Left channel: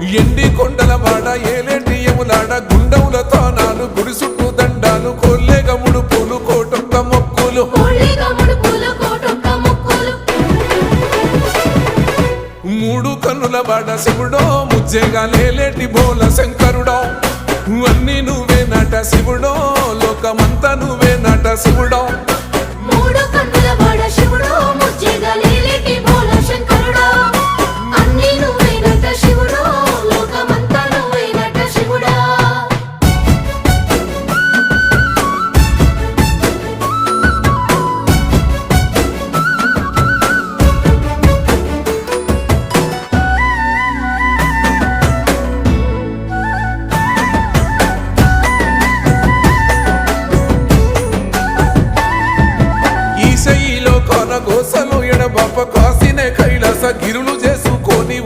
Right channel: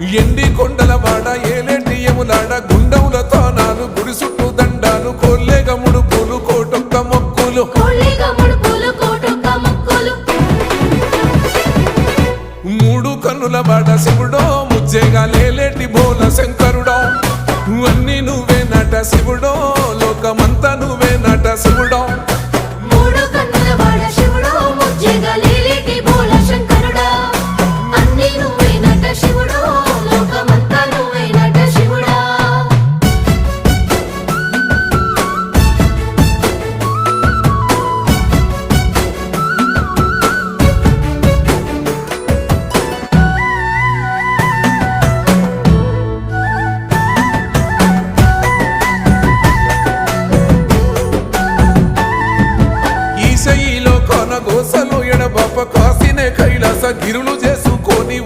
ఎండి కొండల వాడ ఏలేటి యములాడ గుండముల తానాలు గుడి చుట్టూ దండాలు కొల్లేగ ముడుపులు కోటొక్క మొక్కులు మూడు కన్నుల వాడ శివుడో ముజ్జేగా లేలేటి బోల శంకరుడో అన్ని నువ్వే నట శివుడో లోకమంతా నువ్వే నట శివుడో ఈశయిలో కొన గోసలు ఎడబాప కాసినే కైలాస గిరులు చేసుకొని